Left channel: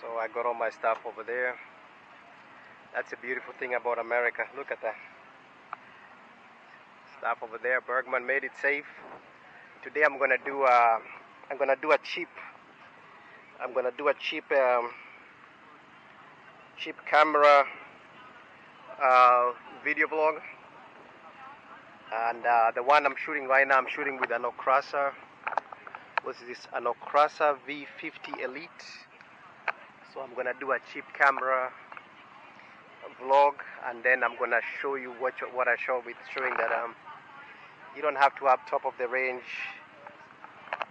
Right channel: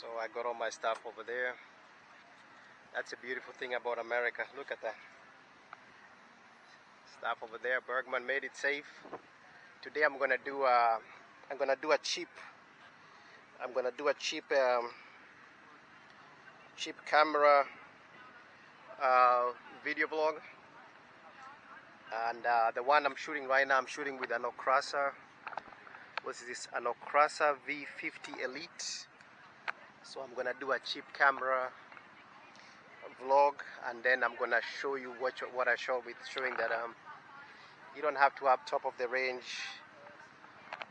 So I got all my stuff over there. That's a beautiful thing about America. Look at that stuff over there. Bergman made it safe. Today I'm gonna do a cheap camera video vlog. And the one I'm shooting right now, I'm shooting with an Akaso. What's this? An Akaso V50 Elite. So I'm gonna do a cheap camera vlog, and then I'm gonna show you what I show with showing that you don't have to have top of the range,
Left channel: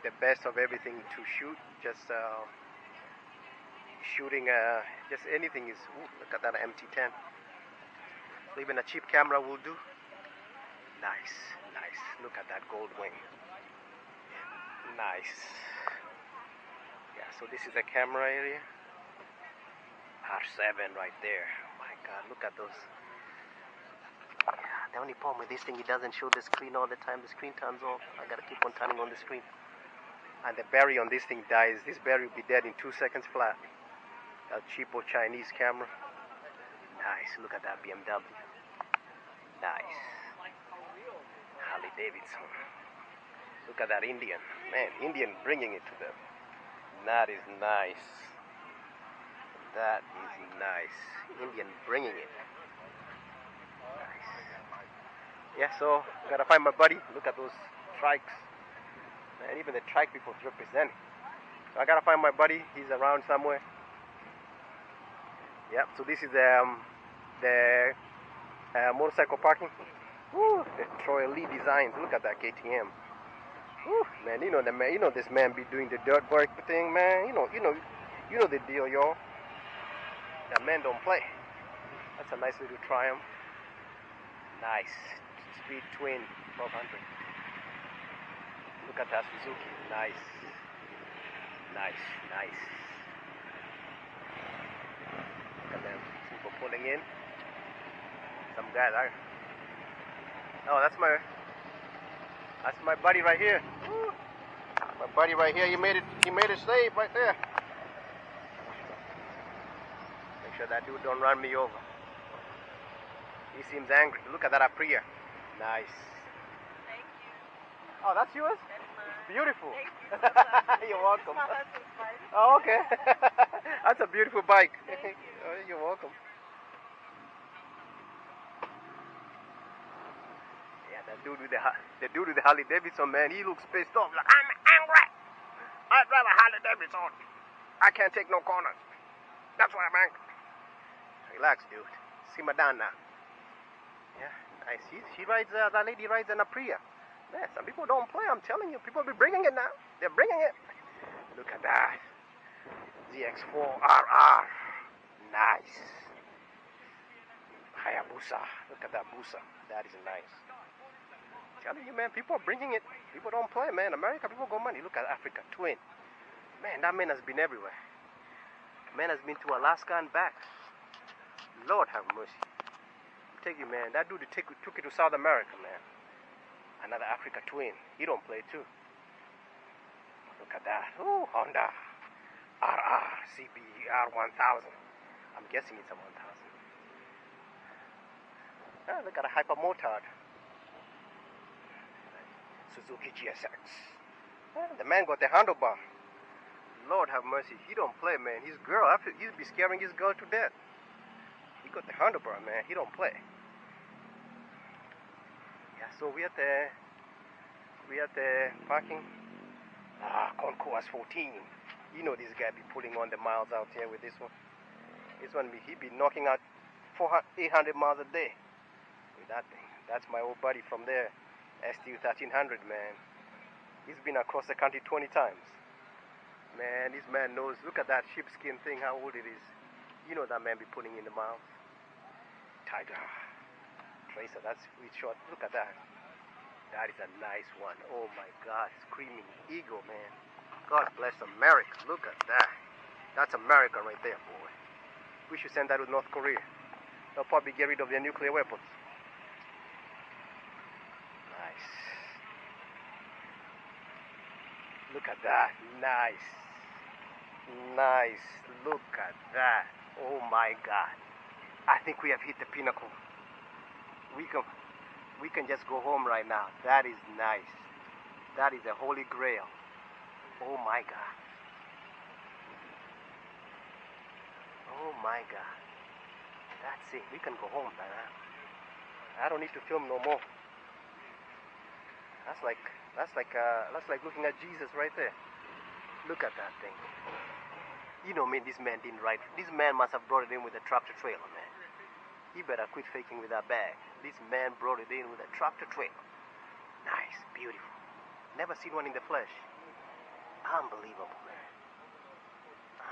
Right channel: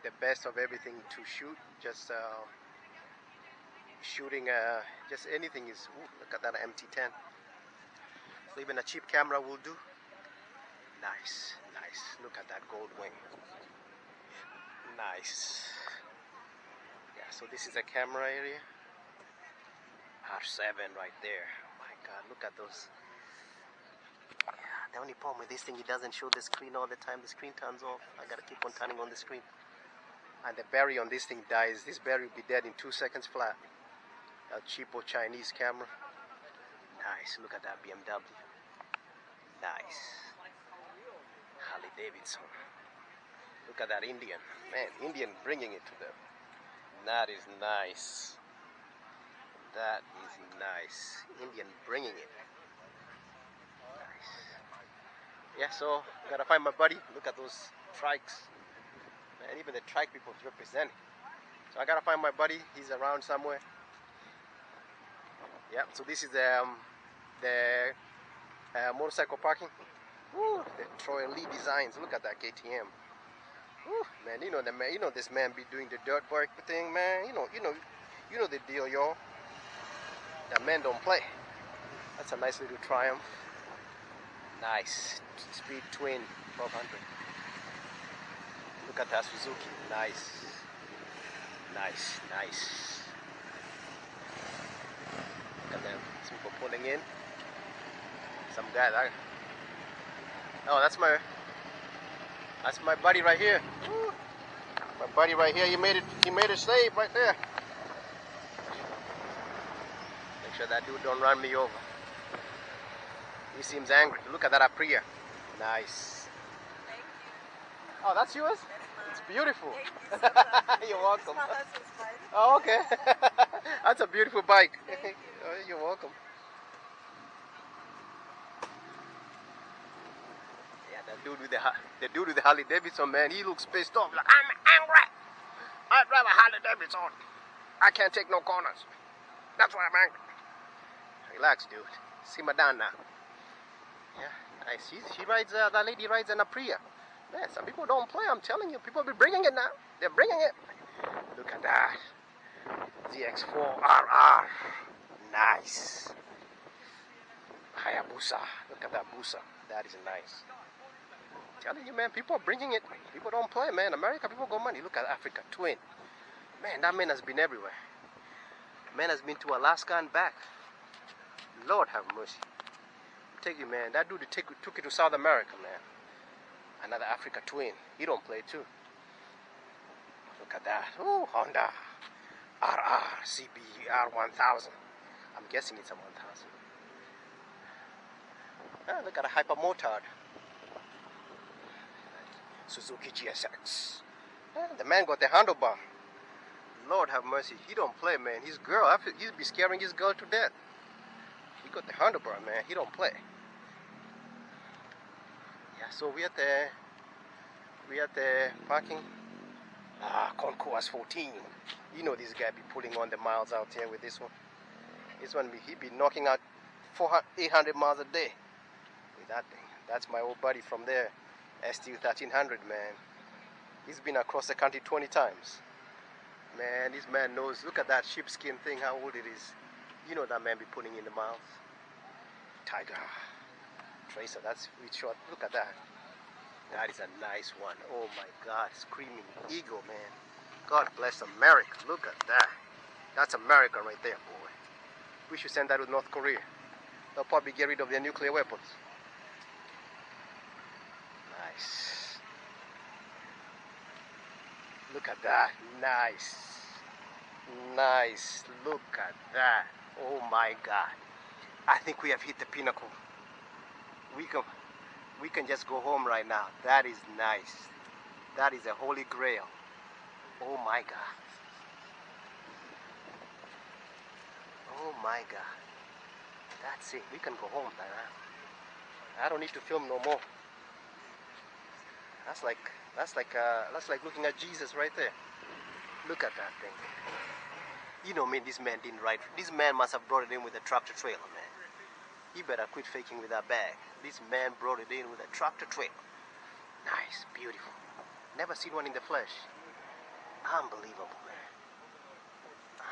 the best of everything to shoot. Just shooting just anything is. Ooh, look at that MT10. So even a cheap camera will do. Nice. Look at that gold wing. Nice. Yeah, so this is a camera area. R7 right there. Oh my God, look at those. Yeah, the only problem with this thing, it doesn't show the screen all the time. The screen turns off. I gotta keep on turning on the screen. And the battery on this thing dies. This battery will be dead in 2 seconds flat. A cheapo Chinese camera. Nice. Look at that BMW. Nice. Harley Davidson. Look at that Indian. Man, Indian bringing it to them. That is nice. That is nice. Indian bringing it. Nice. Yeah, so gotta find my buddy. Look at those trikes. Man, even the trike people represent. So I gotta find my buddy. He's around somewhere. Yep. So this is the motorcycle parking. Woo, the Troy Lee designs. Look at that KTM. Woo, man, you know this man be doing the dirt work thing, man. You know the deal, y'all. That man don't play. That's a nice little Triumph. Nice. Speed twin 1200. Look at that Suzuki. Nice. Look at them. Some people pulling in. Some guy that. Oh, that's my buddy right here. Woo. My buddy right here. He made it safe right there. Make sure that dude don't run me over. He seems angry. Look at that Aprilia. Nice. Thank you. Oh, that's yours? It's beautiful. You're welcome. My husband's bike. Oh, okay. That's a beautiful bike. Thank you. Oh, you're welcome. Yeah, the dude with the Harley Davidson, man, he looks pissed off. Like, I'm angry. I drive a Harley Davidson. I can't take no corners. That's why I'm angry. Relax, dude. Simmer down now. Yeah, nice. She rides. That lady rides an Aprilia. Man, some people don't play. I'm telling you, people be bringing it now. They're bringing it. Look at that. ZX4RR. Nice. Hayabusa. Look at that Busa. That is nice. Telling you, man, people are bringing it. People don't play, man. America, people got money. Look at Africa Twin. Man, that man has been everywhere. Man has been to Alaska and back. Lord have mercy. I tell you, man, that dude took it to South America, man. Another Africa Twin. He don't play too. Look at that. Ooh, Honda RR CBR 1000. I'm guessing it's a 1000. Ah, look at a hypermotard. Suzuki GSX. Ah, the man got the handlebar. Lord have mercy. He don't play, man. His girl, he'll be scaring his girl to death. He got the handlebar, man. He don't play. Yeah, so we at the parking. Concourse 14. You know this guy be pulling on the miles out here with this one. This one he be knocking out 800 miles a day with that thing. That's my old buddy from there, ST 1300, man. He's been across the country 20 times. Man, this man knows. Look at that sheepskin thing, how old it is. You know that man be putting in the miles. Tiger. Tracer, that's really short. Look at that. That is a nice one. Oh my God, screaming eagle, man. God bless America. Look at that. That's America right there, boy. We should send that to North Korea. They'll probably get rid of their nuclear weapons. Nice. Look at that. Nice. Nice. Look at that. Oh my God. I think we have hit the pinnacle. We can just go home right now. That is nice. That is a holy grail. Oh my God. Oh my God. That's it. We can go home, man. I don't need to film no more. That's like looking at Jesus right there. Look at that thing. You know, man, this man didn't ride. This man must have brought it in with a tractor trailer, man. He better quit faking with that bag. This man brought it in with a tractor trailer. Nice, beautiful. Never seen one in the flesh. Unbelievable, man.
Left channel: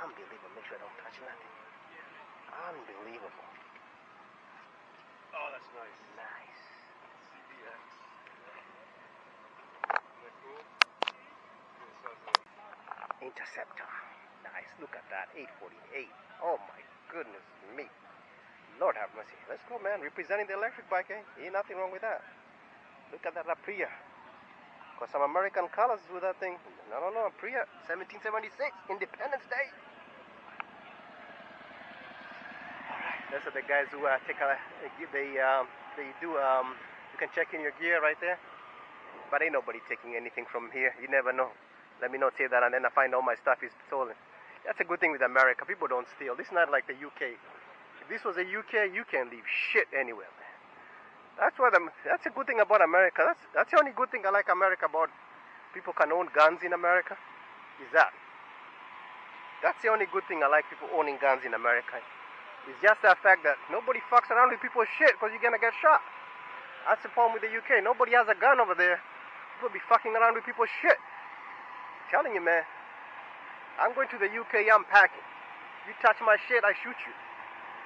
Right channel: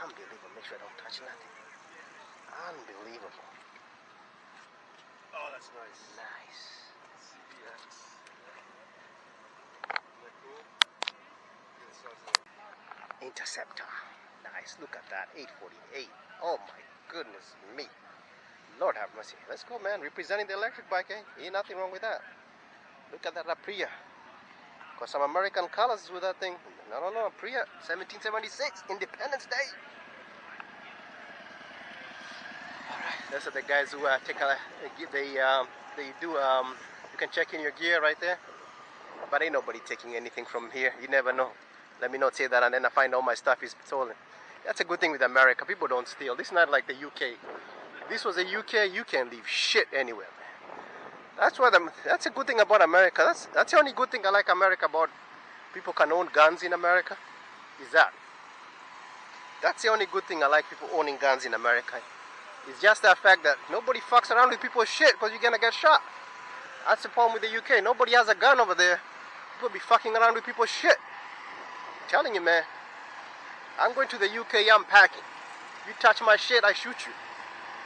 Unbelievable. Make sure I don't touch nothing. Unbelievable. Oh, that's nice. Nice. CBX. Isn't that cool? Interceptor. Nice. Look at that. 848. Oh my goodness me. Lord have mercy. Let's go, man. Representing the electric bike, eh? Ain't nothing wrong with that. Look at that Aprilia. Got some American colors with that thing. No, Aprilia. 1776. Independence Day. Alright. Those are the guys who take a... They do... You can check in your gear right there. But ain't nobody taking anything from here. You never know. Let me not say that and then I find all my stuff is stolen. That's a good thing with America. People don't steal. This is not like the UK. If this was the UK, you can leave shit anywhere, man. That's a good thing about America. That's the only good thing I like America about. People can own guns in America. Is that? That's the only good thing I like people owning guns in America. It's just the fact that nobody fucks around with people's shit because you're gonna get shot. That's the problem with the UK. Nobody has a gun over there. People be fucking around with people's shit. I'm telling you, man. I'm going to the UK, I'm packing. You touch my shit, I shoot you.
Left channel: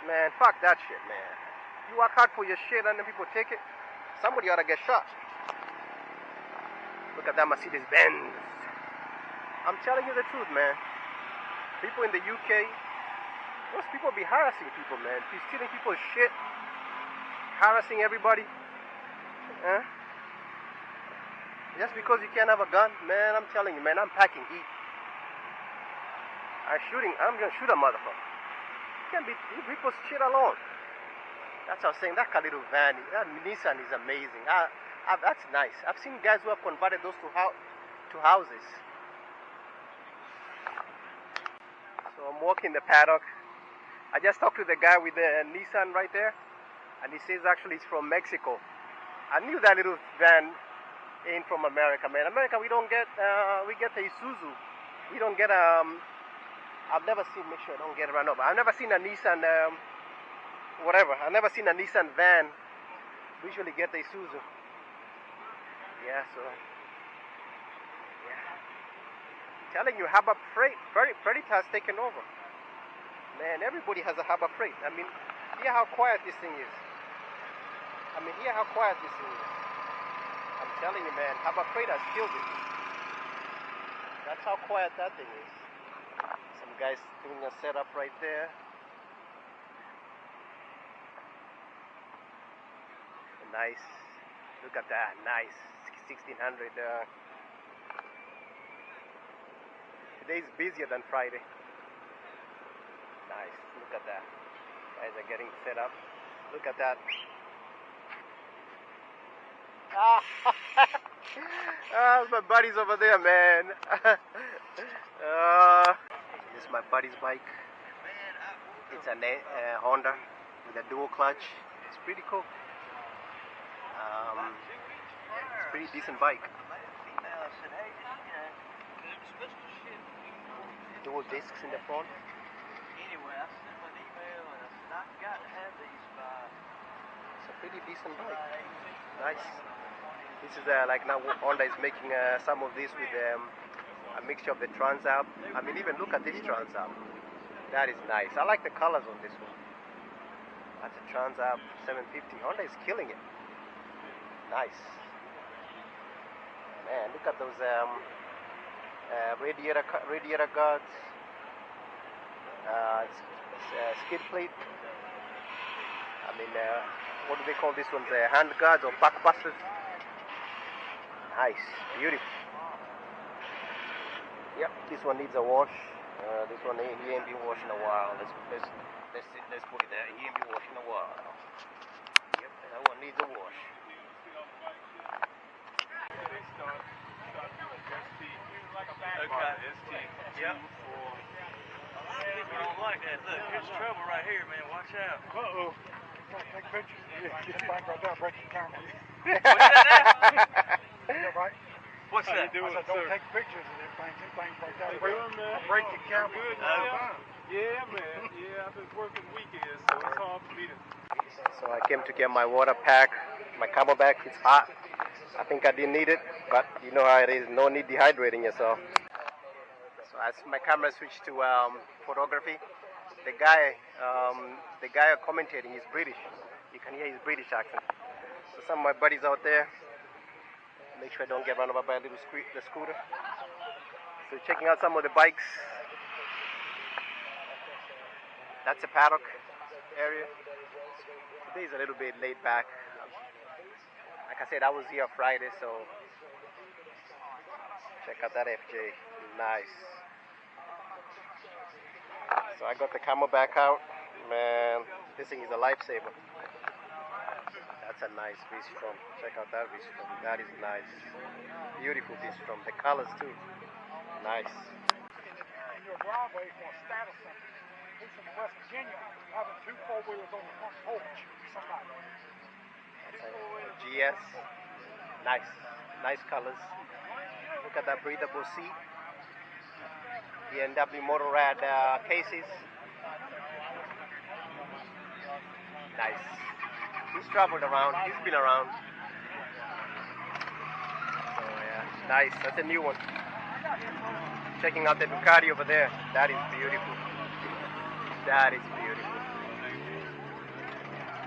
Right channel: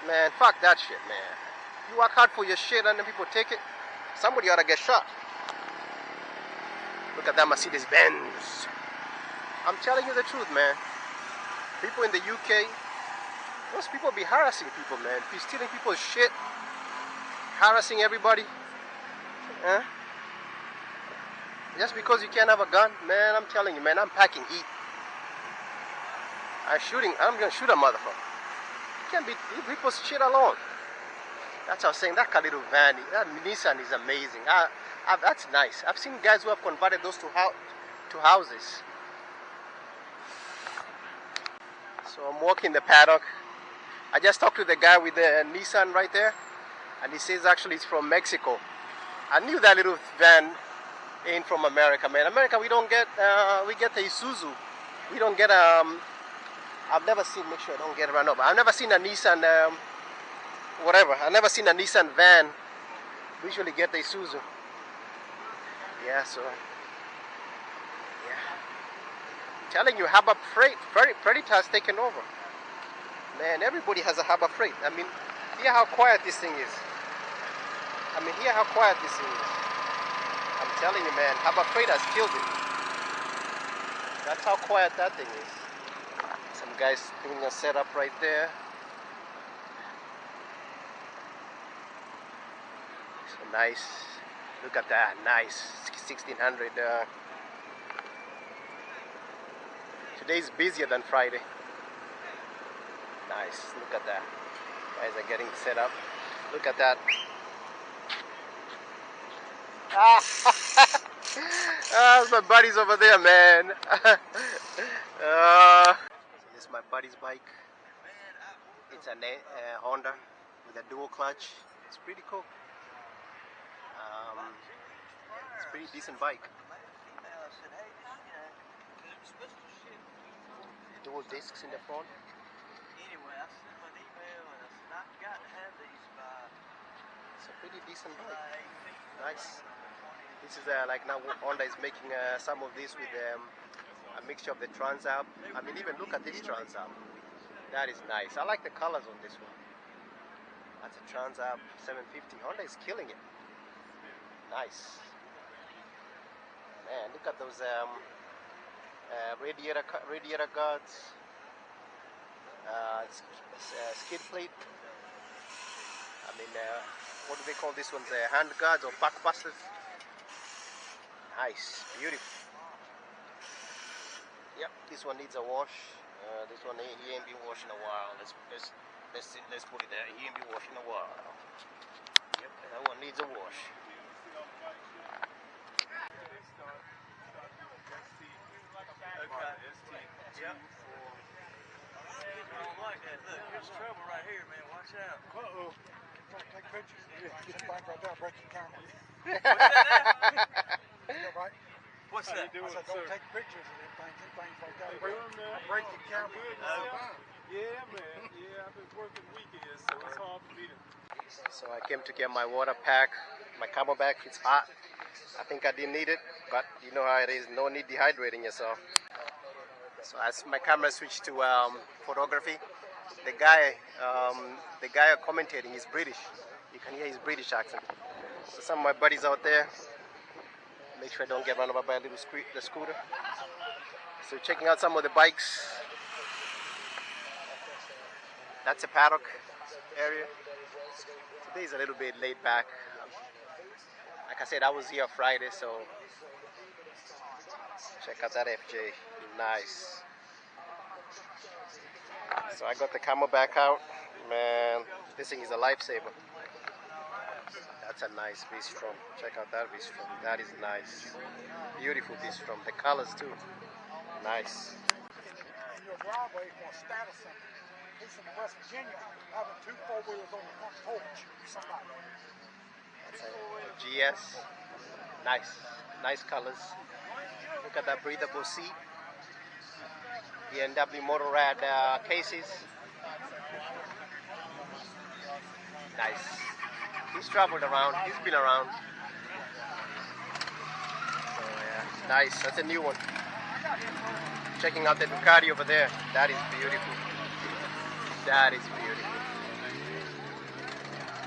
Man, fuck that shit, man. You work hard for your shit and then people take it. Somebody ought to get shot. Look at that Mercedes Benz. I'm telling you the truth, man. People in the UK, those people be harassing people, man. Be stealing people's shit. Harassing everybody. Just because you can't have a gun, man, I'm telling you, man, I'm packing heat. I'm gonna shoot a motherfucker. You can't leave people's shit alone. That's what I'm saying. That little van, that Nissan is amazing. That's nice. I've seen guys who have converted those to houses. So I'm walking the paddock. I just talked to the guy with the Nissan right there, and he says actually it's from Mexico. I knew that little van ain't from America, man. America, we get the Isuzu. We don't get I've never seen. Make sure I don't get run over. I've never seen a Nissan whatever. I've never seen a Nissan van. We usually get the Isuzu. Yeah, so yeah. I'm telling you, Harbor Freight has taken over. Man, everybody has a Harbor Freight. I mean, hear how quiet this thing is. Hear how quiet this thing is. I'm telling you, man, Harbor Freight has killed it. That's how quiet that thing is. Some guys doing a setup right there. So nice. Look at that. Nice. 1600. Today's busier than Friday. Nice. Look at that. Guys are getting set up. Look at that. My buddy's over there, man. This is my buddy's bike. It's a Honda with a dual clutch. It's pretty cool. It's a pretty decent bike. Dual discs in the front. Anyway, I sent him an email and I said, I've got to have these by... It's a pretty decent bike. Nice. This is like now Honda is making some of this with a mixture of the Trans Am. Even look at this Trans Am. That is nice. I like the colors on this one. That's a Trans Am 750. Honda is killing it. Nice. Man, look at those radiator guards. Skid plate. What do they call this one? Hand guards or back busters. Nice, beautiful. Yep, this one needs a wash. This one he ain't been washed in a while. Let's put it there. He ain't been washed in a while. Yep, that one needs a wash. Okay. Yep. People don't like that. Look, here's trouble right here, man. Watch out. Uh-oh. Don't take pictures. Get the bike right there, break your camera. What's that now? You know, right? What's that? I said, don't take pictures of them things. Them things right there. Break your camera. Yeah, man. Yeah, I've been working weekends, so it's hard for me to. So I came to get my water pack, my Camelback. It's hot. I think I didn't need it, but you know how it is. No need dehydrating yourself. So as my camera switched to photography, the guy commentating is British. You can hear his British accent. So some of my buddies out there, make sure I don't get run over by a little scooter. So checking out some of the bikes. That's a paddock area. Today is a little bit laid back. Like I said, I was here Friday, so check out that FJ. Nice. So I got the Camelback out. Man, this thing is a lifesaver. That's a nice V-Strom. Check out that V-Strom. That is nice. Beautiful V-Strom. The colors too. Nice. In your driveway for a status symbol. He's from West Virginia, having 2 4-wheelers on the front porch. Somebody. That's a GS. Nice. Nice colors. Look at that breathable seat. BMW Motorrad cases. Nice. He's traveled around. He's been around. So yeah, nice. That's a new one. Checking out the Ducati over there. That is beautiful. That is beautiful.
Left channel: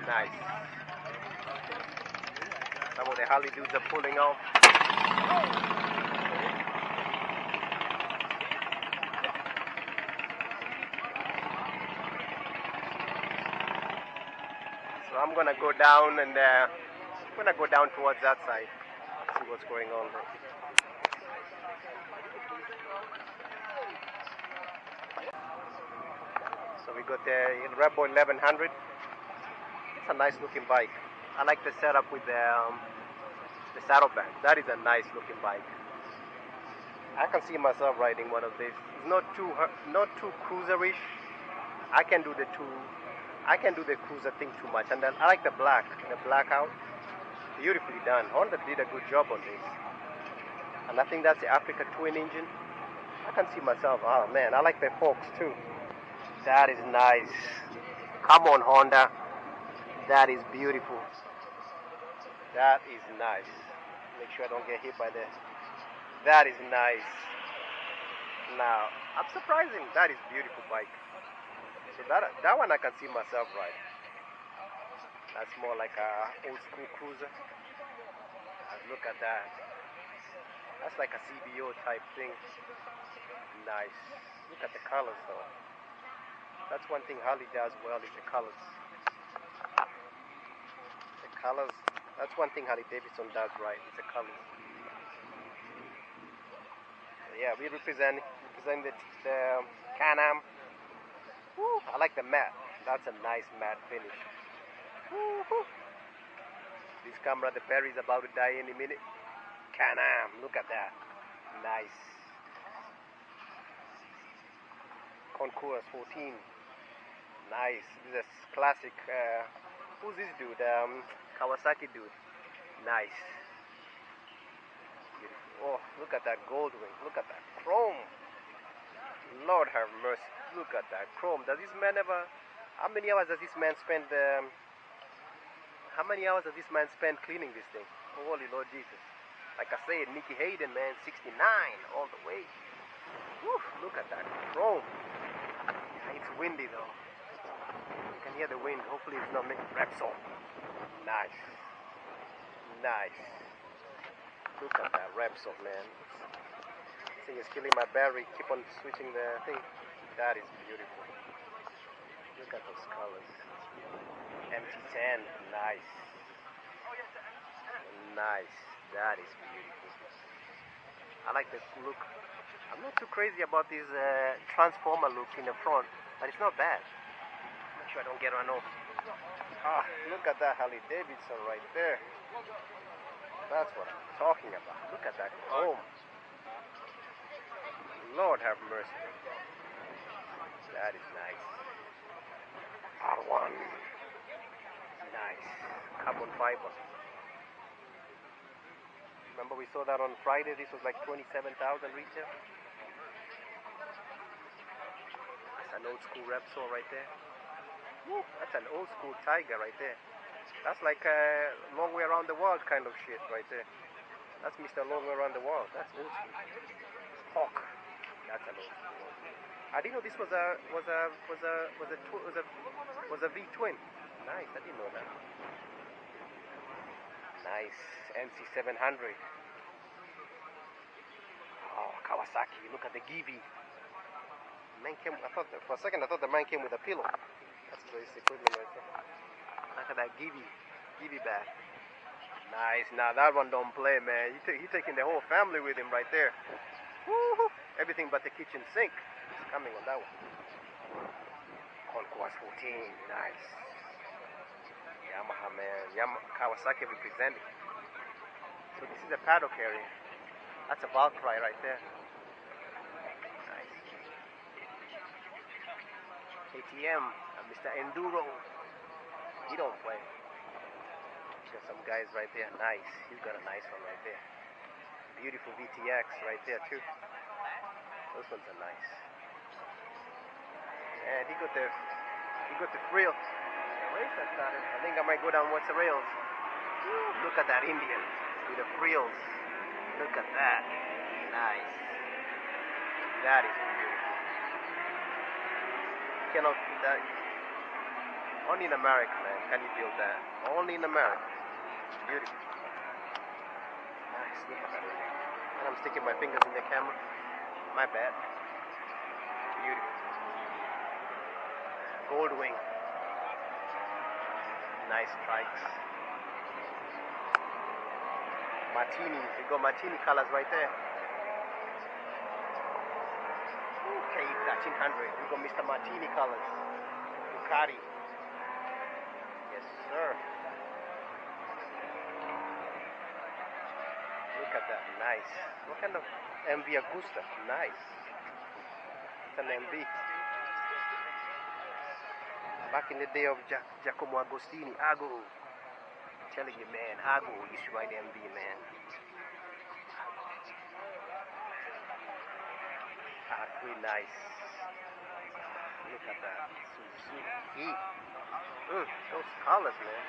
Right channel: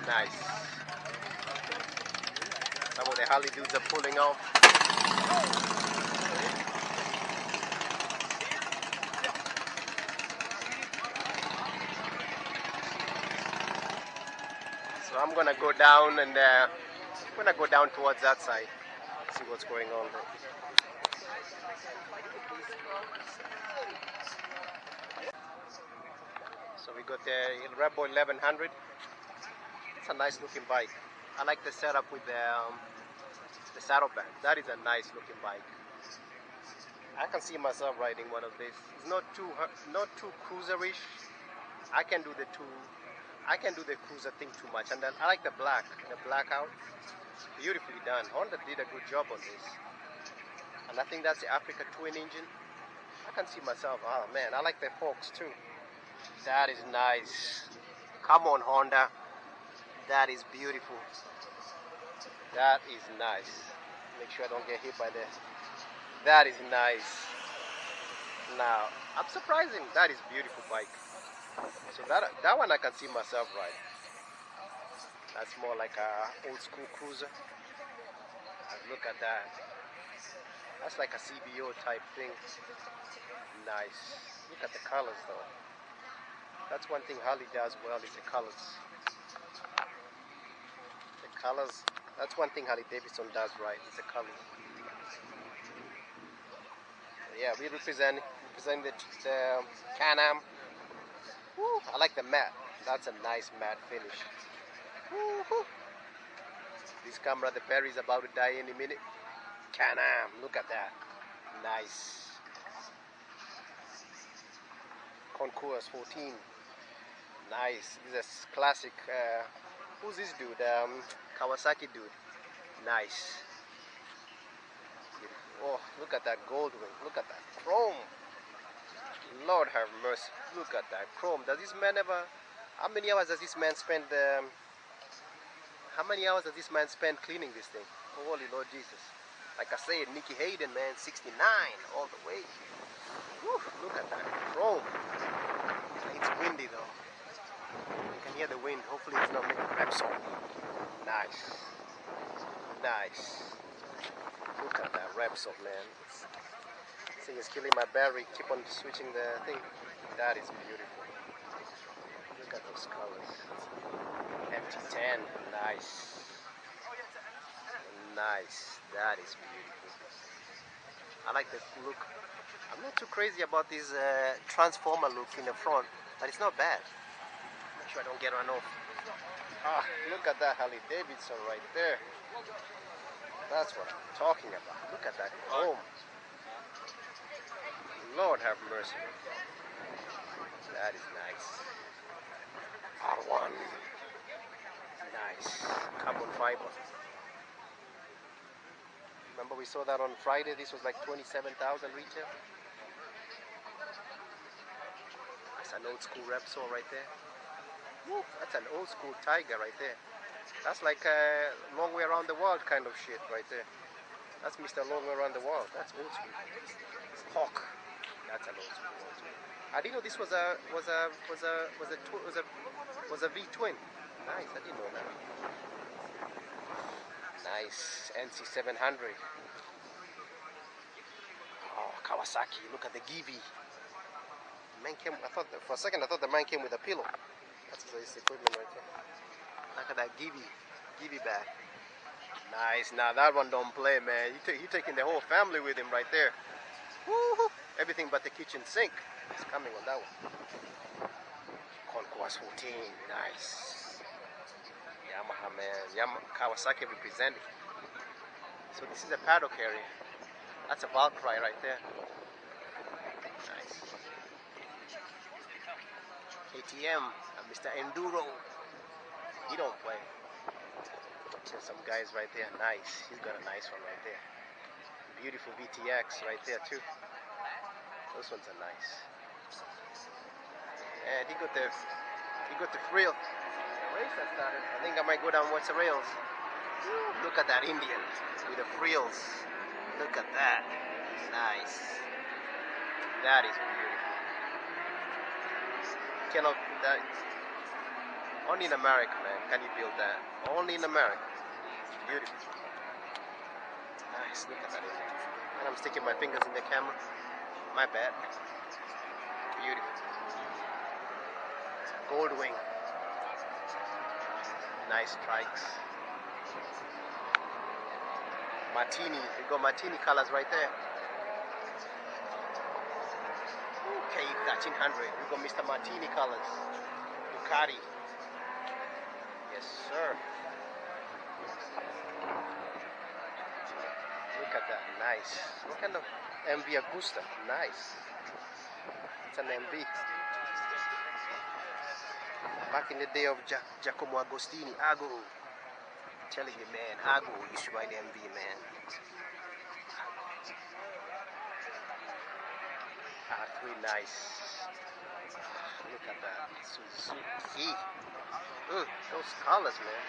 Nice. Some of the Harley dudes are pulling off. So I'm gonna go down and towards that side, see what's going on there. So we got the Rebel 1100. It's a nice looking bike. I like the setup with the saddlebag. That is a nice looking bike. I can see myself riding one of these. It's not too cruiserish. I can do the cruiser thing too much. And then I like the blackout. Beautifully done. Honda did a good job on this. And I think that's the Africa twin engine. I can see myself. Oh man, I like the forks too. That is nice. Come on, Honda. That is beautiful. That is nice. Make sure I don't get hit by that. That is nice. Now, I'm surprising. That is beautiful bike. So that one I can see myself ride. That's more like a old school cruiser. And look at that. That's like a CBO type thing. Nice. Look at the colors though. That's one thing Harley does well is the colors. The colors. That's one thing Harley Davidson does right. Is the colors. So yeah, we represent the Can-Am. Woo, I like the matte. That's a nice matte finish. Woo-hoo. This camera, the battery is about to die any minute. Can-Am, look at that. Nice. Concours 14. Nice. This is classic. Who's this dude? Kawasaki dude. Nice. Oh, look at that gold wing. Look at that chrome. Lord have mercy. Look at that chrome. Does this man ever... How many hours does this man spend... How many hours does this man spend cleaning this thing? Holy Lord Jesus. Like I said, Nicky Hayden, man, 69 all the way. Whew, look at that chrome. It's windy though. You can hear the wind. Hopefully it's not making Repsol. Nice. Nice. Look at that Repsol, man. This thing is killing my battery. Keep on switching the thing. That is beautiful. Look at those colors. MT10. Nice. Nice. That is beautiful. I like the look. I'm not too crazy about this transformer look in the front, but it's not bad. Make sure I don't get run off. Ah, look at that Harley Davidson right there. That's what I'm talking about. Look at that chrome. Lord have mercy. That is nice. R1. Nice. Carbon fiber. Remember we saw that on Friday? This was like 27,000 retail. That's an old school Repsol right there. Woo, that's an old school Tiger right there. That's like a long way around the world kind of shit right there. That's Mr. Long Way Around the World. That's old school. Hawk. That's an old school. I didn't know this was a V-twin. Nice. I didn't know that. Nice. NC 700. Oh, Kawasaki. Look at the Givi. Man came. For a second I thought the man came with a pillow. That's his equipment right there. Look at that Givi bag. Nice. Now that one don't play, man. He taking the whole family with him right there. Woo-hoo. Everything but the kitchen sink is coming on that one. Conquest 14. Nice. Yamaha, man. Kawasaki representing. So this is a paddock area. That's a Valkyrie right there. Nice. KTM and Mr. Enduro. He don't play. There's some guys right there. Nice. He's got a nice one right there. Beautiful VTX right there too. Those ones are nice. And he got the frill. Race that started. I think I might go down What's the Rails. Look at that Indian with the frills. Look at that. Nice. That is beautiful. Cannot that only in America, man. Can you build that? Only in America. Beautiful. Nice. Look at that Indian. And I'm sticking my fingers in the camera. My bad. Beautiful. Gold wing. Nice strikes. Martini. We got Martini colors right there. Okay, 1300. We got Mr. Martini colors. Ducati. Yes, sir. Look at that. Nice. What kind of MV Agusta? Nice. It's an MV. Back in the day of Giacomo Agostini, Ago. I'm telling you, man, Ago used to ride MV, man. R3, nice. Look at that. Suzuki. Those colors, man.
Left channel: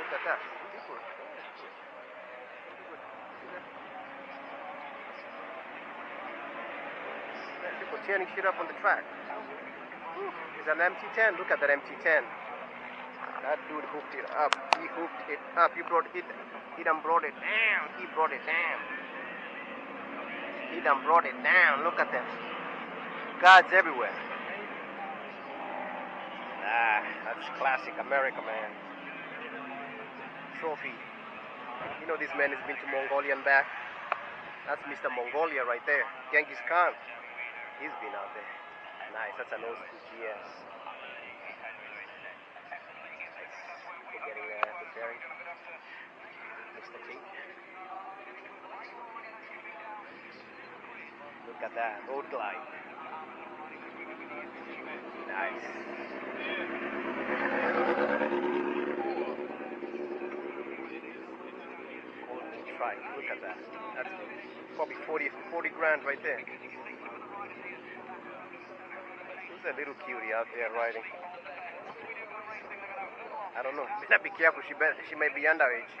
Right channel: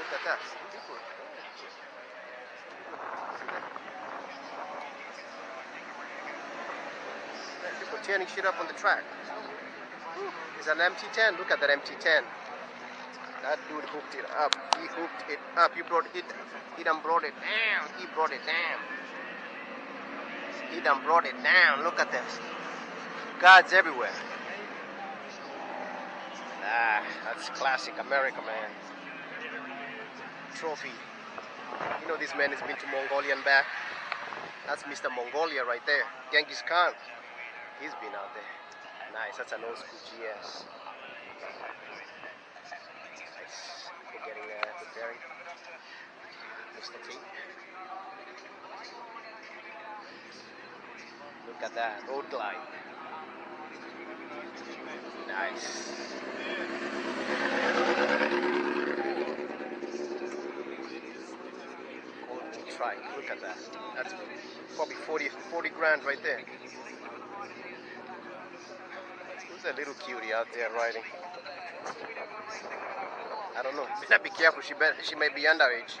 Look at that. People tearing shit up on the track. It's an MT10. Look at that MT10. That dude hooked it up. He hooked it up. He done brought it down. He brought it down. He done brought it down. Look at this. Guards everywhere. Ah, that's classic America, man. Trophy. You know this man has been to Mongolia and back. That's Mr. Mongolia right there. Genghis Khan. He's been out there. Nice. That's an old school GS. Nice. We're getting preparing. Mr. T. Look at that. Road glide. Nice. Golden trike. Look at that. That's probably 40 grand right there. There's a little cutie out there riding. I don't know. Better be careful. She may be underage.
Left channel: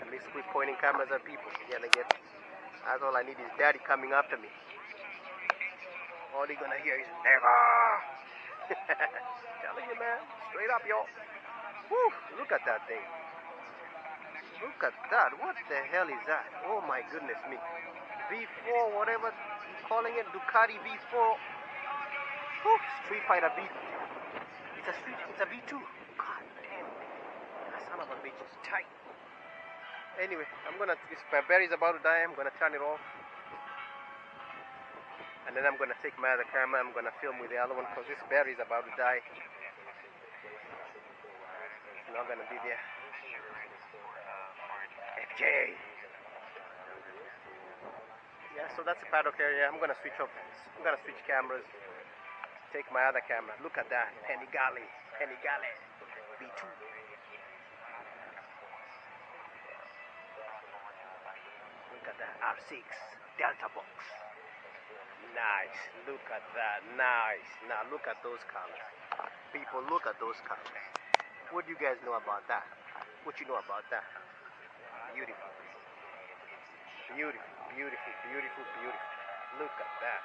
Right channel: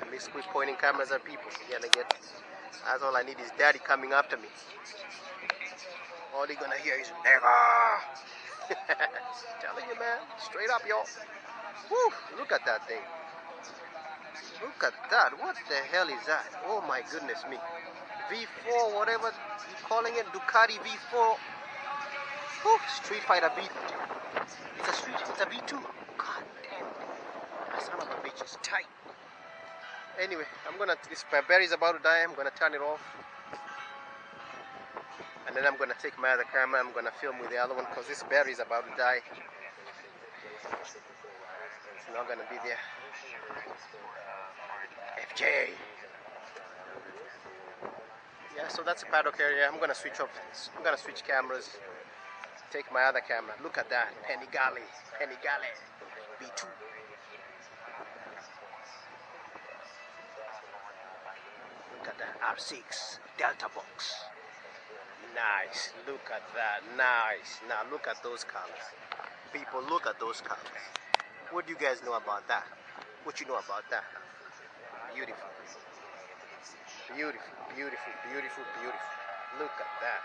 At least quit pointing cameras at people. That's all I need is daddy coming after me. All you're gonna hear is never. Telling you, man. Straight up, y'all. Woo! Look at that thing. Look at that. What the hell is that? Oh my goodness me. V4, whatever you're calling it. Ducati V4. Woo! Street Fighter V. It's a V2. God damn. That son of a bitch is tight. Anyway, this battery is about to die. I'm gonna turn it off, and then I'm gonna take my other camera. I'm gonna film with the other one because this battery is about to die. It's not gonna be there. FJ. Yeah, so that's a paddock area. I'm gonna switch off. I'm gonna switch cameras. Take my other camera. Look at that, Panigale B2. Look at that R6 Delta box. Nice. Look at that. Nice. Now look at those colors. People, look at those colors. What do you guys know about that? What you know about that? Beautiful. Beautiful, beautiful, beautiful, beautiful. Look at that.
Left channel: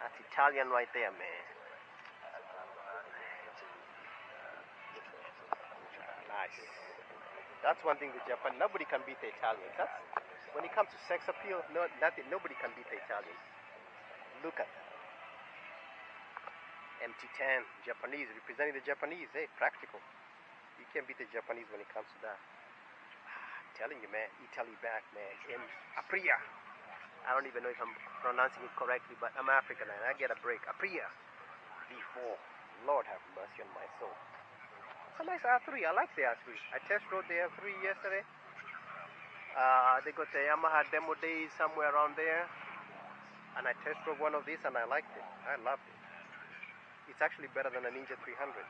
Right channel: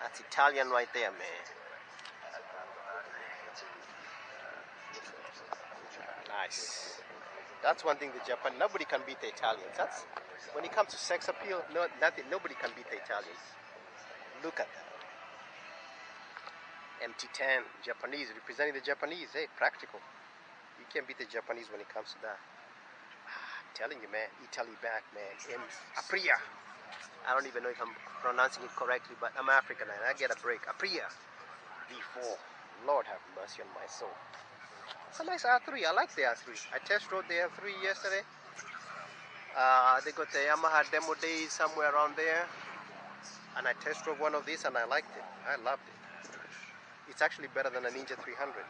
That's Italian right there, man. Nice. That's one thing the Japan, nobody can beat the Italians. That's when it comes to sex appeal, nobody can beat the Italians. Look at that. MT10, Japanese, representing the Japanese. Hey, practical. You can't beat the Japanese when it comes to that. I'm telling you, man, Italy back, man. Aprilia. I don't even know if I'm pronouncing it correctly, but I'm African and I get a break. Aprilia V4. Lord have mercy on my soul. It's a nice R3. I like the R3. I test rode the R3 yesterday. They got the Yamaha demo days somewhere around there, and I test drove one of these and I liked it. I loved it. It's actually better than a Ninja 300.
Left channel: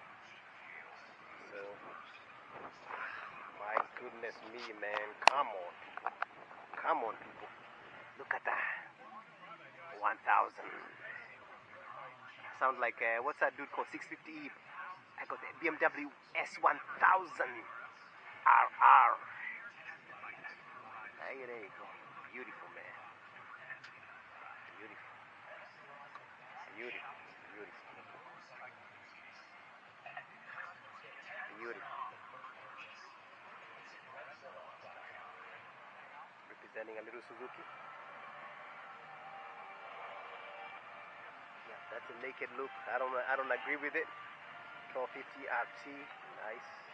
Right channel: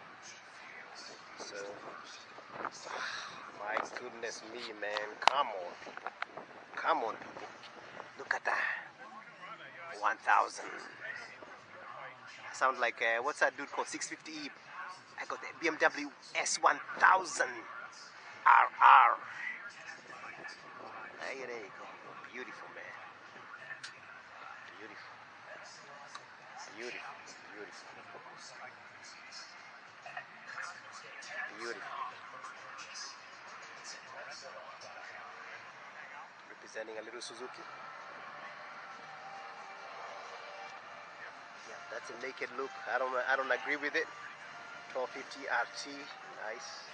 So, my goodness me, man. Come on, people. Come on, people. Look at that. 1000. I sound like, what's that dude called? 650E. I got the BMW S1000 RR. There you go. Beautiful, man. Beautiful. Beautiful. Beautiful. Beautiful. Representing a little Suzuki. Yeah, that's a naked look. I don't agree with it. 1250 RT. Nice.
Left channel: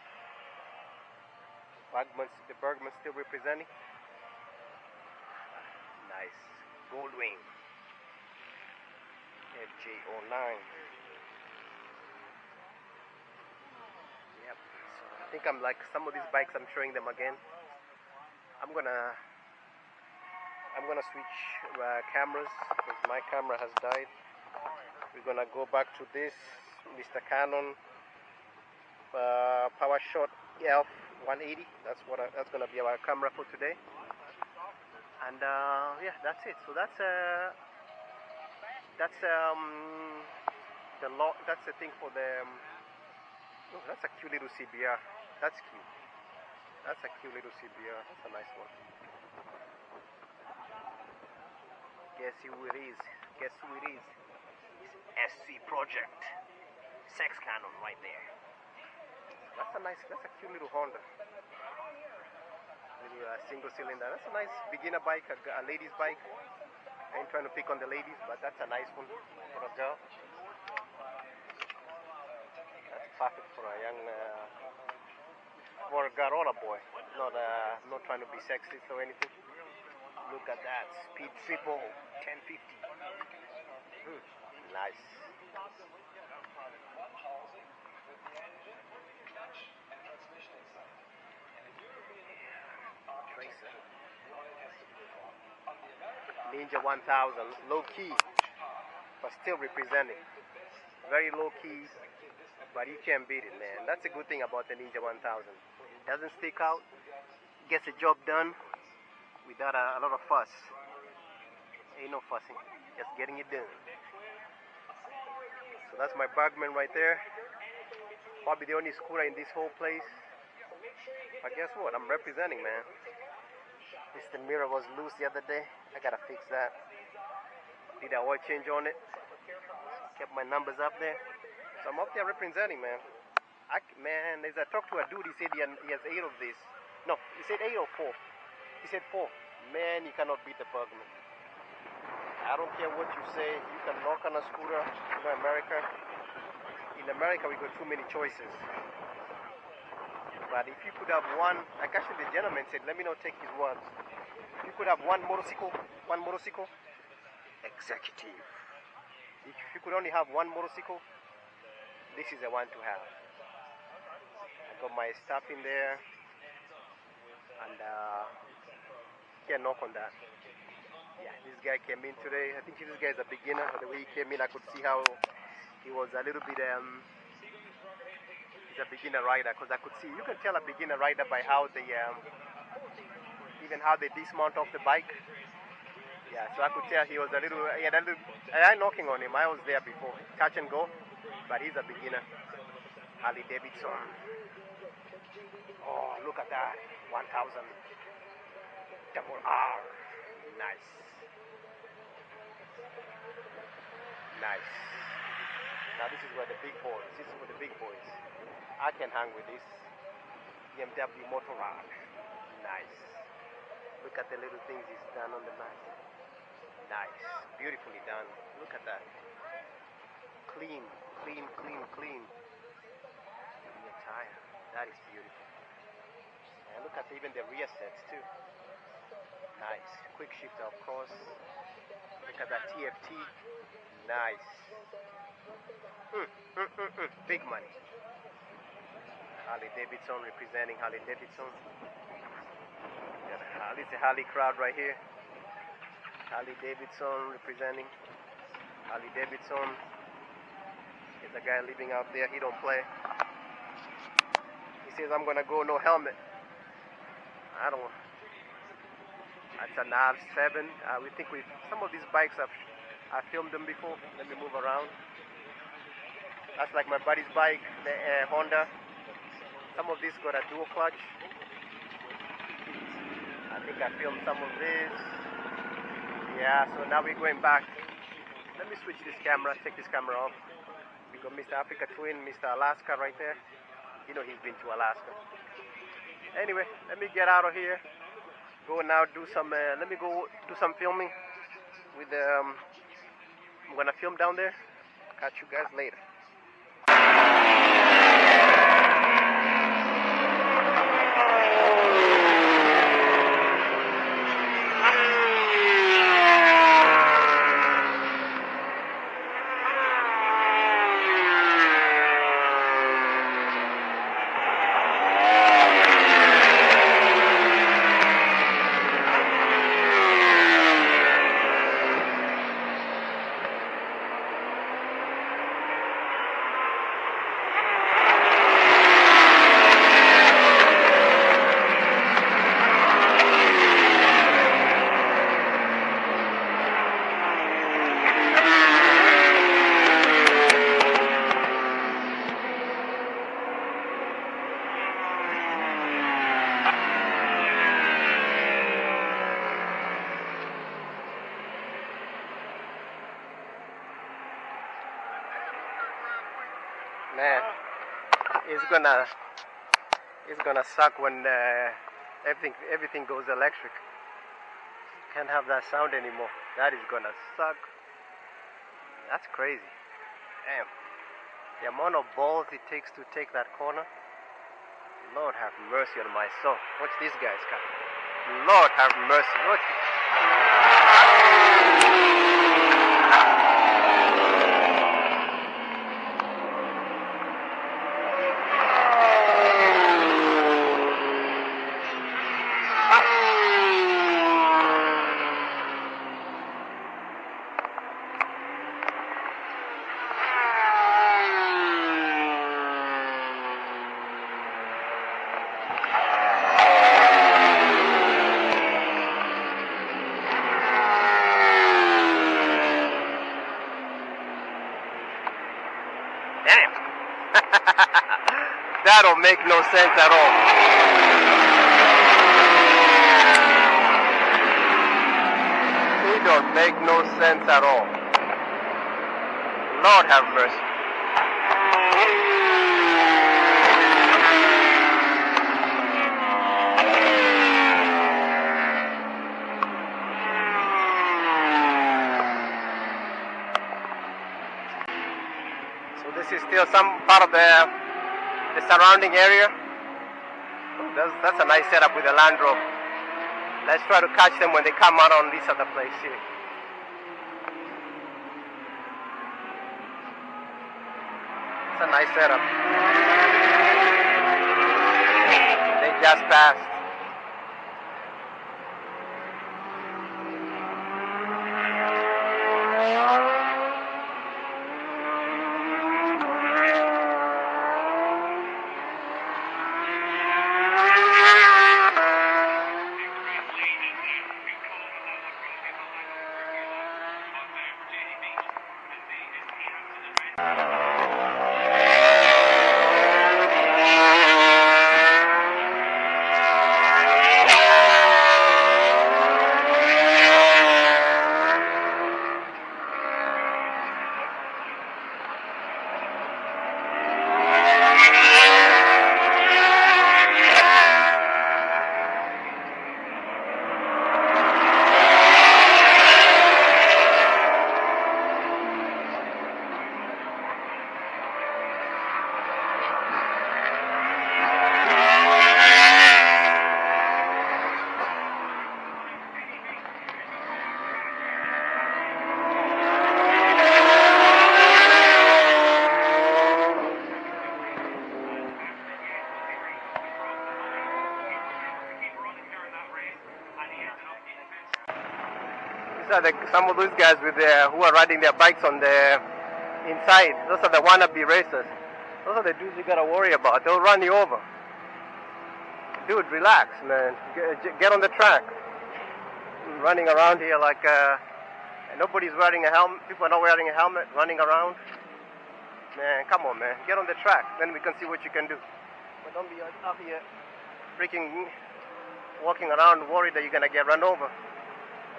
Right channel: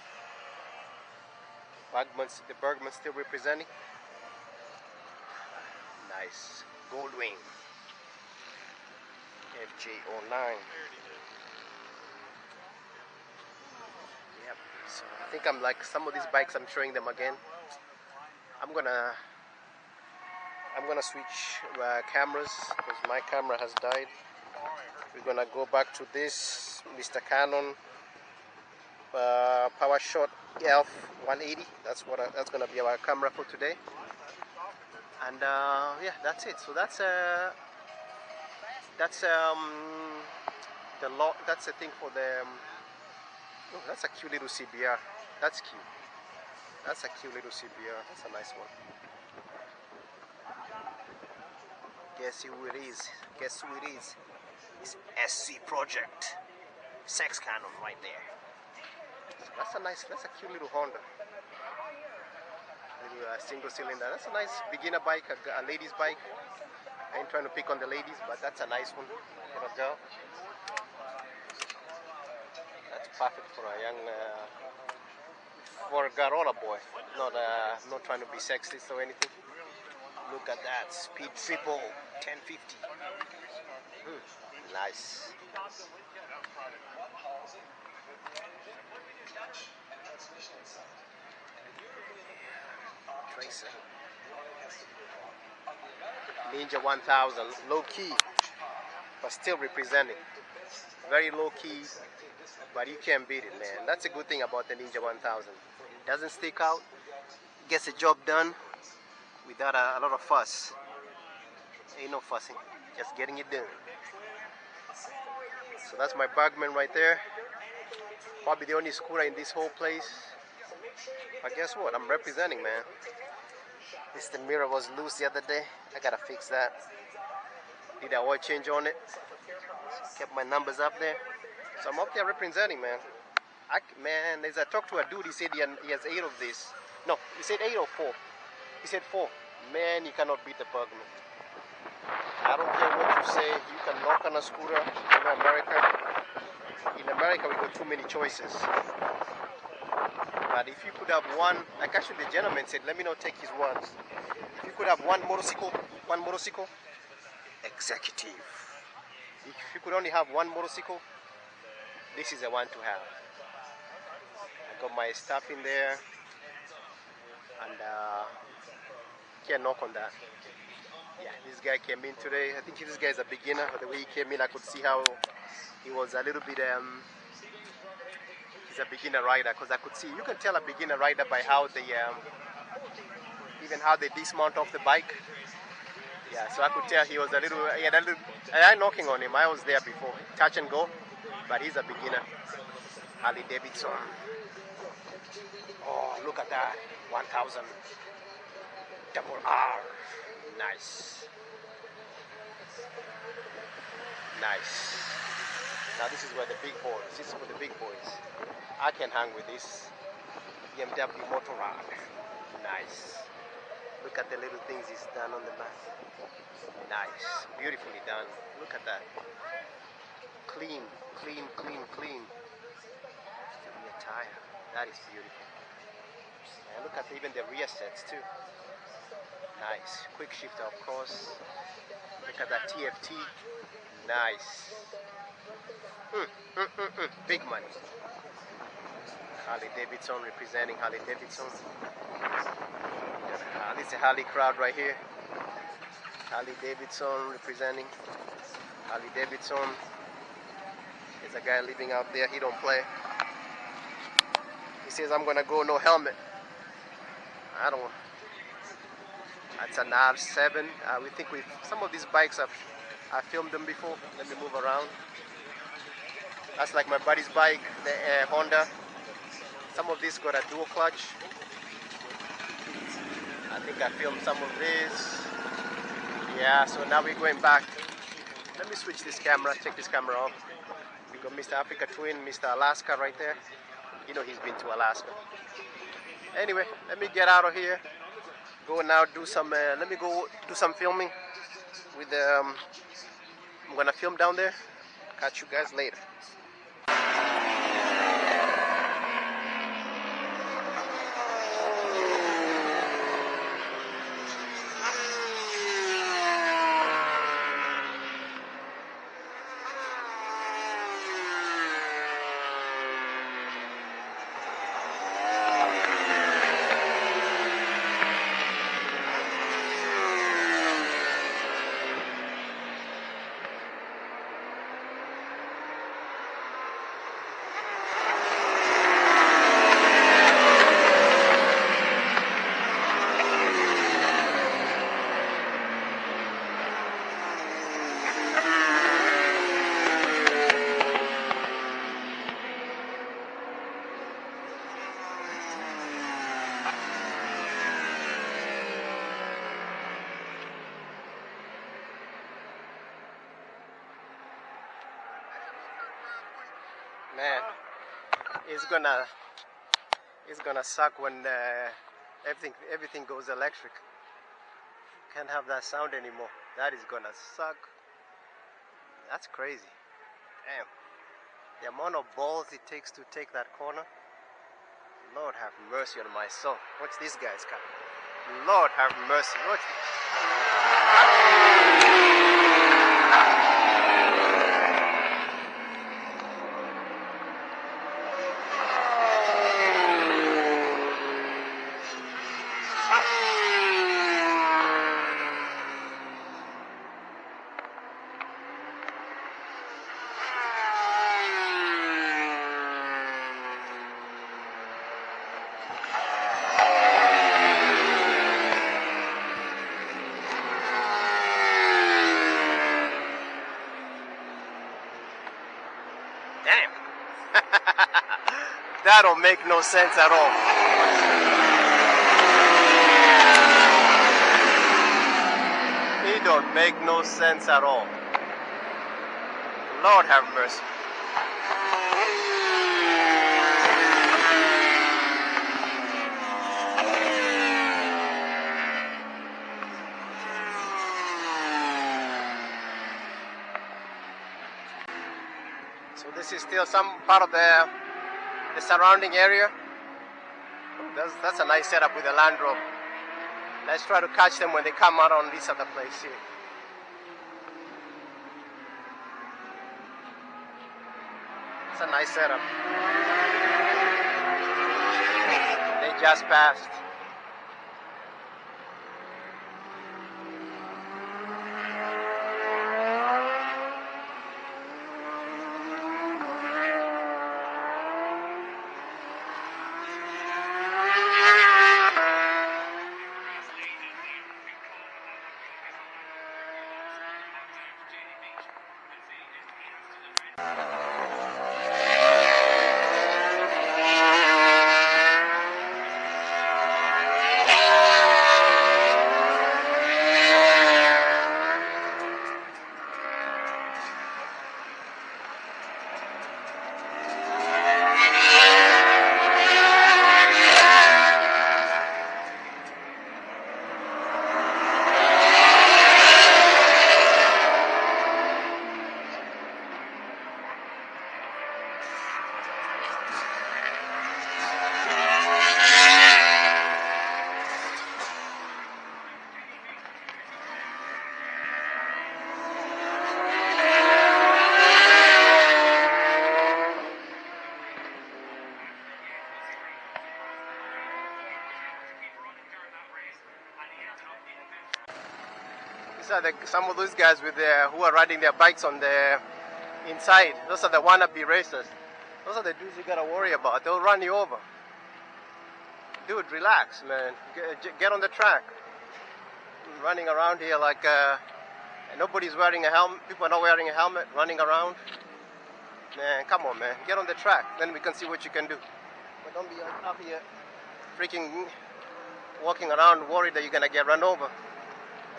The Bergman still representing. Nice. Goldwing. FJ09. Yep. So I think I'm like some of these bikes. I'm showing them again. I'm gonna switch cameras because my camera has died. We're gonna go back to this Mr. Canon PowerSort ELPH 180. That's gonna be our camera for today. And yeah, that's it. So that's the thing for the. Oh, that's a cute little CBR. That's cute. That's a cute little CBR. That's a nice one. Guess who it is? Guess who it is? It's SC Project. Sex Canon right there. So that's a cute little Honda. Little single cylinder. That's a nice beginner bike, a lady's bike. I ain't trying to pick on the ladies, but that's a nice one for a girl. That's perfect for a young, for a Garona boy. Not trying to be sexist or anything. Look at that, Speed Triple 1050. Nice. Tracer. Ninja 1000, low key, but still representing. Very low key, but you can't beat it, man. That's a good thing about the Ninja 1000. It doesn't stick out, gets the job done without a lot of fuss. Ain't no fussing, just getting it done. So that's my Bergman right there. Probably the only scooter in this whole place. But guess what? I'm representing, man. The mirror was loose the other day. I gotta fix that. Did an oil change on it. Kept my numbers up there. So I'm up there representing, man. Man, as I talked to a dude, he said he has 8 of this. No, he said 8 or 4. He said 4. Man, you cannot beat the Bergman. I don't care what you say. You can knock on a scooter in America. In America, we got too many choices. But if you could have one, like actually the gentleman said, let me not take his words. If you could have one motorcycle, executive. If you could only have one motorcycle, this is the one to have. I got my stuff in there, and can't knock on that. Yeah, this guy came in today. I think this guy is a beginner. The way he came in, I could see how he was a little bit. He's a beginner rider, because I could see. You can tell a beginner rider by how they, even how they dismount off the bike. Yeah, so I could tell he was a little. He had a little. I'm knocking on him. I was there before, touch and go, but he's a beginner. Harley Davidson. Oh, look at that. 1000 double R. Nice. Nice. Now this is where the big boys. This is for the big boys. I can hang with this BMW Motorrad. Nice. Look at the little things he's done on the back. Nice. Beautifully done. Look at that. Clean, clean, clean, clean. The rear tire. That is beautiful. And look at even the rear sets too. Nice. Quick shifter, of course. Look at that TFT. Nice. Big money. Harley Davidson representing Harley Davidson. This is a Harley crowd right here. Harley Davidson representing Harley Davidson. There's a guy living out there. He don't play. He says, I'm gonna go no helmet. I don't. That's an R7. We think some of these bikes I filmed them before. Let me move around. That's like my buddy's bike, the Honda. Some of these got a dual clutch. I think I filmed some of this. Yeah, so now we're going back. Let me switch this camera, check this camera off. We got Mr. Africa Twin, Mr. Alaska right there. You know he's been to Alaska. Anyway, let me get out of here. Go now do some, let me go do some filming with I'm gonna film down there. Catch you guys later. Man, it's gonna suck when everything goes electric. Can't have that sound anymore. That is gonna suck. That's crazy. Damn. The amount of balls it takes to take that corner. Lord have mercy on my soul. Watch these guys come. Lord have mercy. Watch. That don't make no sense at all. It don't make no sense at all. Lord have mercy. So this is still some part of the surrounding area. That's a nice setup with the Land Rover. Let's try to catch them when they come out on this other place here. It's a nice setup. They just passed. These are some of those guys with who are riding their bikes on the inside. Those are the wannabe racers. Those are the dudes you gotta worry about. They'll run you over. Dude, relax, man. Get on the track. Running around here like nobody's wearing a helmet. People are not wearing a helmet. Running around. Man, come on, man. Get on the track. Then we can see what you can do. But don't be up here freaking walking around worried that you're gonna get run over.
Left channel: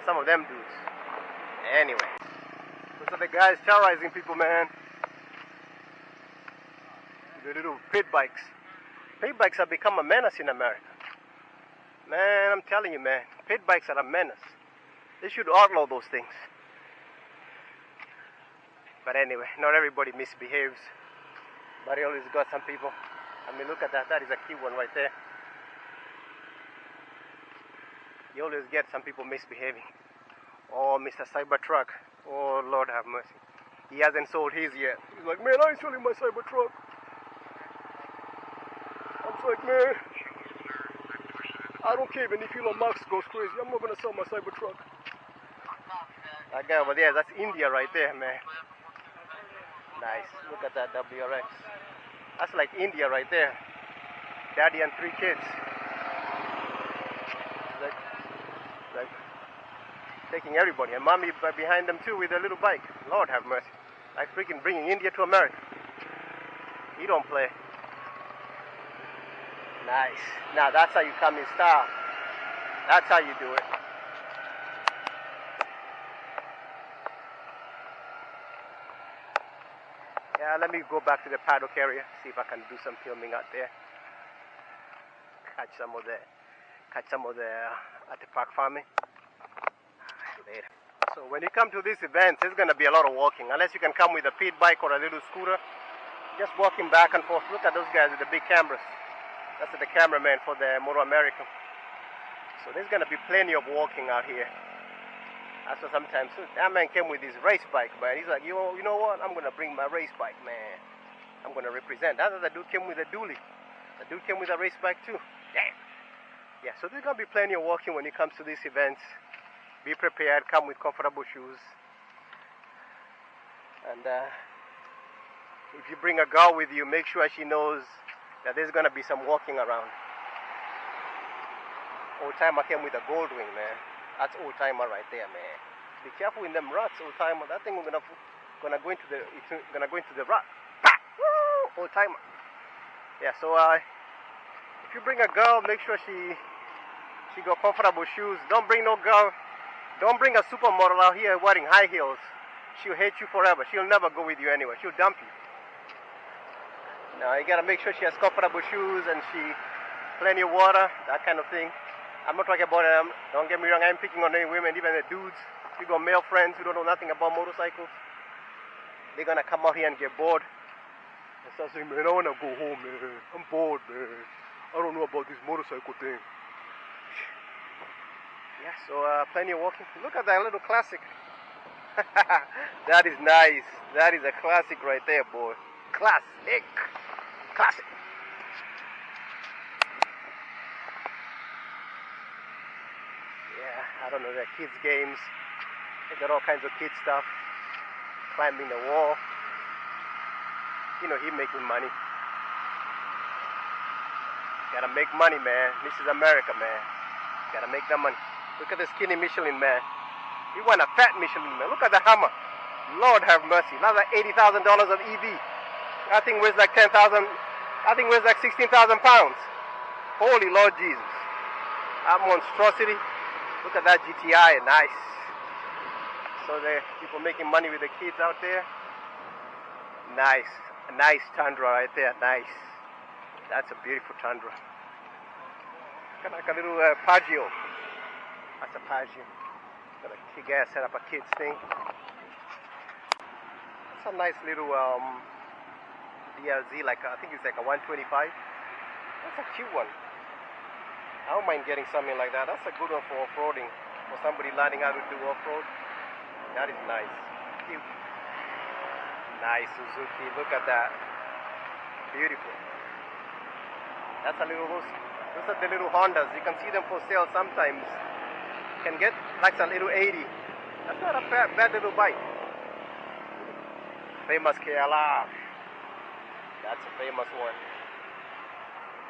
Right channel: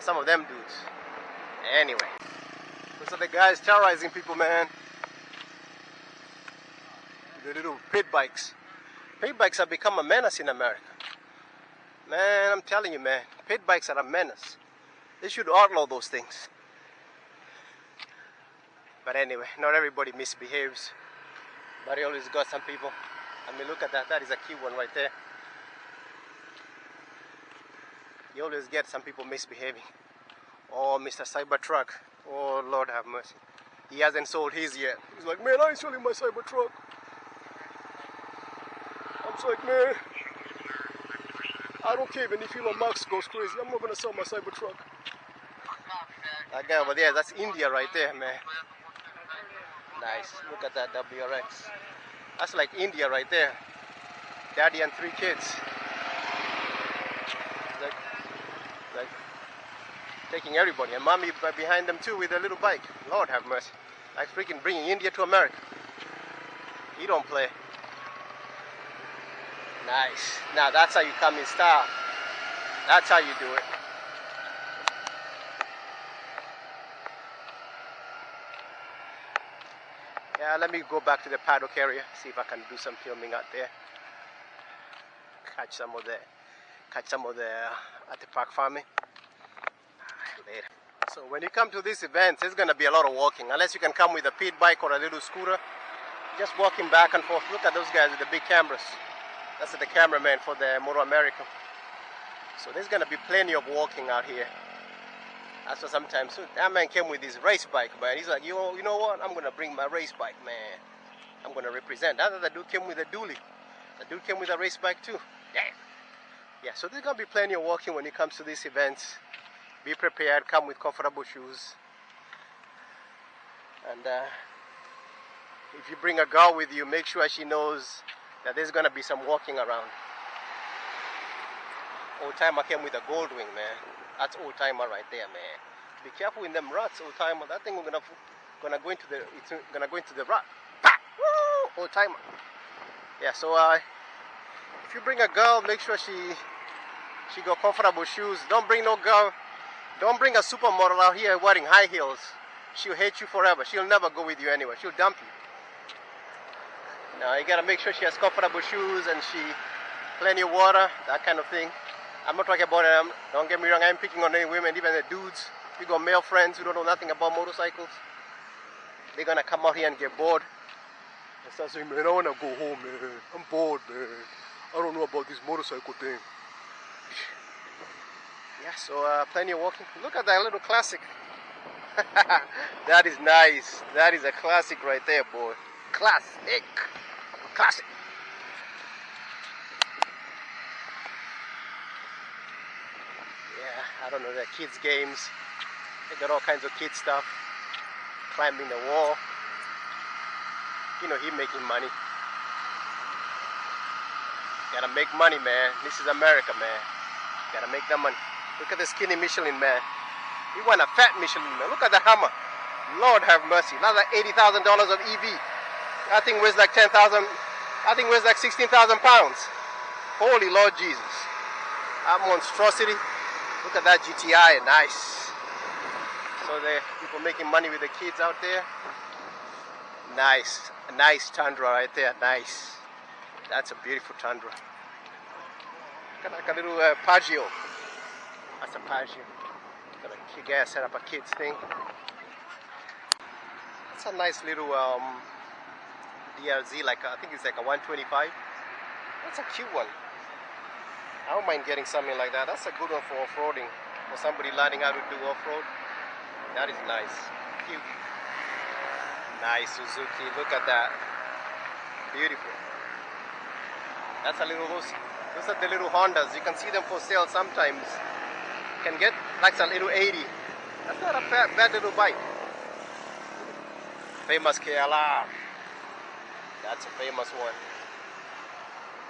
Some of them dudes. Anyway, those are the guys terrorizing people, man. The little pit bikes. Pit bikes have become a menace in America. Man, I'm telling you, man. Pit bikes are a menace. They should outlaw those things. But anyway, not everybody misbehaves. But he always got some people. I mean, look at that. That is a key one right there. You always get some people misbehaving. Oh, Mr. Cybertruck. Oh, Lord have mercy. He hasn't sold his yet. He's like, man, I ain't selling my Cybertruck. I'm just like, man, I don't care even if Elon Musk goes crazy. I'm not going to sell my Cybertruck. That guy over there, that's India right there, man. Nice. Look at that WRX. That's like India right there. Daddy and 3 kids. Like taking everybody, and mommy behind them too with a little bike. Lord have mercy. Like freaking bringing India to America. He don't play. Nice. Now that's how you come in style. That's how you do it. Yeah, let me go back to the paddock area, see if I can do some filming out there. Catch some of the at the park farming. Later. So when you come to these events, there's gonna be a lot of walking. Unless you can come with a pit bike or a little scooter, just walking back and forth. Look at those guys with the big cameras. That's the cameraman for the Moto America. So there's gonna be plenty of walking out here. That's what sometimes that man came with his race bike, man. He's like, you know what? I'm gonna bring my race bike, man. I'm gonna represent. That other dude came with a dually. The dude came with a race bike too. Damn. Yeah, so there's gonna be plenty of walking when it comes to these events. Be prepared, come with comfortable shoes. And if you bring a girl with you, make sure she knows that there's gonna be some walking around. Old timer came with a gold wing, man. That's old timer right there, man. Be careful in them ruts, old timer. That thing gonna go into the rut. Bah! Woo! Old timer. Yeah, so if you bring a girl, make sure she got comfortable shoes. Don't bring no girl. Don't bring a supermodel out here wearing high heels. She'll hate you forever. She'll never go with you anywhere. She'll dump you. Now you gotta make sure she has comfortable shoes and plenty of water, that kind of thing. I'm not talking about them. Don't get me wrong. I'm picking on any women, even the dudes. You got male friends who don't know nothing about motorcycles. They're gonna come out here and get bored and start saying, man, I wanna go home, man. I'm bored, man. I don't know about this motorcycle thing. Yeah, so plenty of walking. Look at that little classic. That is nice. That is a classic right there, boy. Classic. Classic. Yeah, I don't know, they're kids' games. They got all kinds of kids stuff. Climbing the wall. You know, he making money. Gotta make money, man. This is America, man. Gotta make that money. Look at the skinny Michelin, man. He want a fat Michelin, man. Look at the hammer. Lord have mercy. That's like $80,000 of EV. That thing weighs like 10,000. I think weighs like 16,000 pounds. Holy Lord Jesus. That monstrosity. Look at that GTI. Nice. So the people making money with the kids out there. Nice. A nice Tundra right there. Nice. That's a beautiful Tundra. Kind of like a little Pagio. That's a Pagio. Got a kick-ass set up a kids thing. It's a nice little DRZ, like I think it's like a 125. That's a cute one. I don't mind getting something like that. That's a good one for off-roading. For somebody learning how to do off-road. That is nice. Cute. Nice Suzuki. Look at that. Beautiful. That's a little, those are the little Hondas. You can see them for sale sometimes. You can get like a little 80. That's not a bad little bike. Famous KLR. That's a famous one.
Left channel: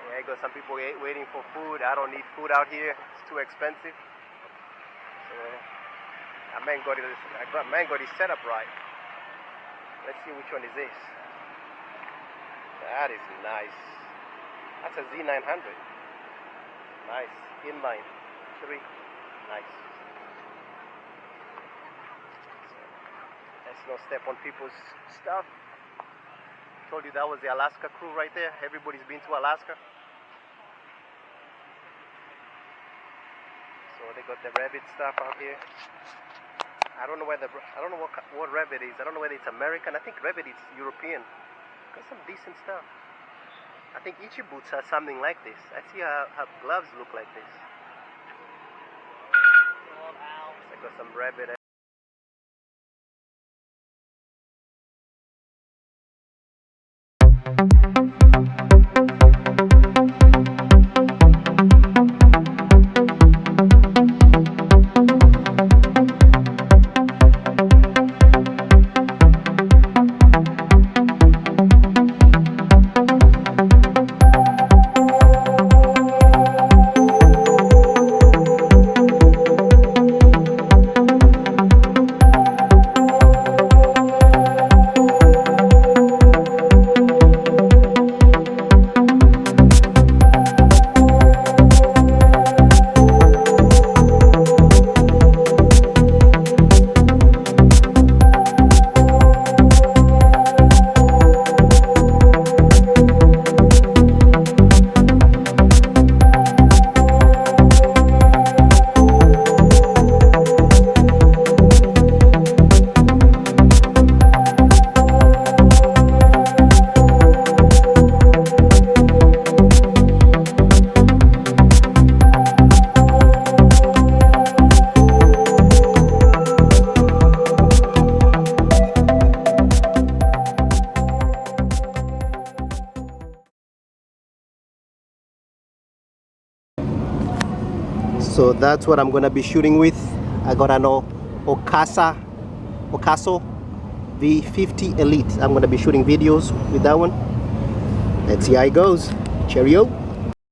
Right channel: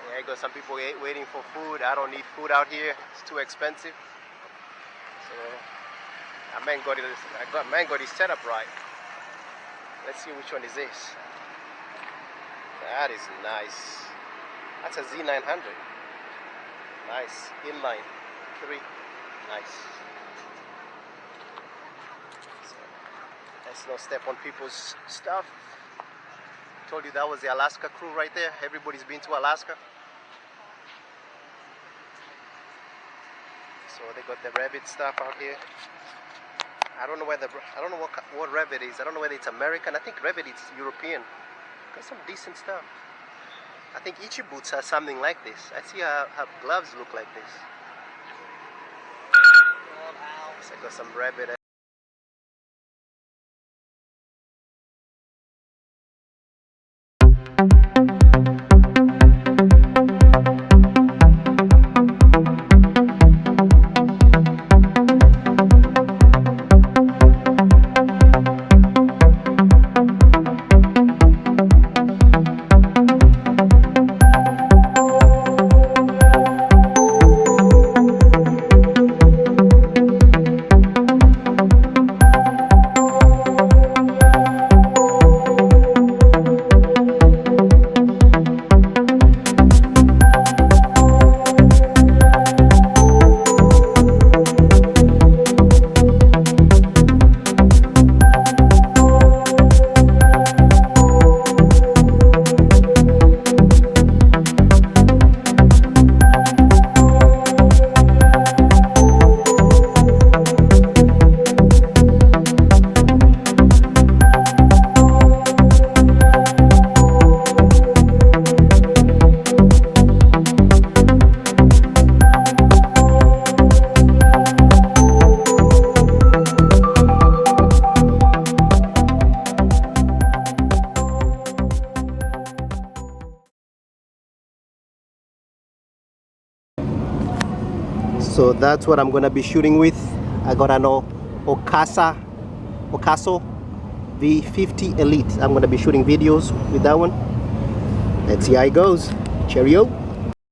Yeah, I got some people waiting for food. I don't need food out here. It's too expensive. So a man got it set up right. Let's see which one is this. That is nice. That's a Z900. Nice. Inline 3. Nice. So, let's not step on people's stuff. Told you that was the Alaska crew right there. Everybody's been to Alaska. So they got the Revit stuff out here. I don't know whether what Revit is. I don't know whether it's American. I think Revit is European. Got some decent stuff. I think Ichi boots are something like this. I see her gloves look like this. So I got some Revit. So that's what I'm gonna be shooting with. I got an Akaso V50 Elite. I'm gonna be shooting videos with that one. Let's see how it goes. Cheerio.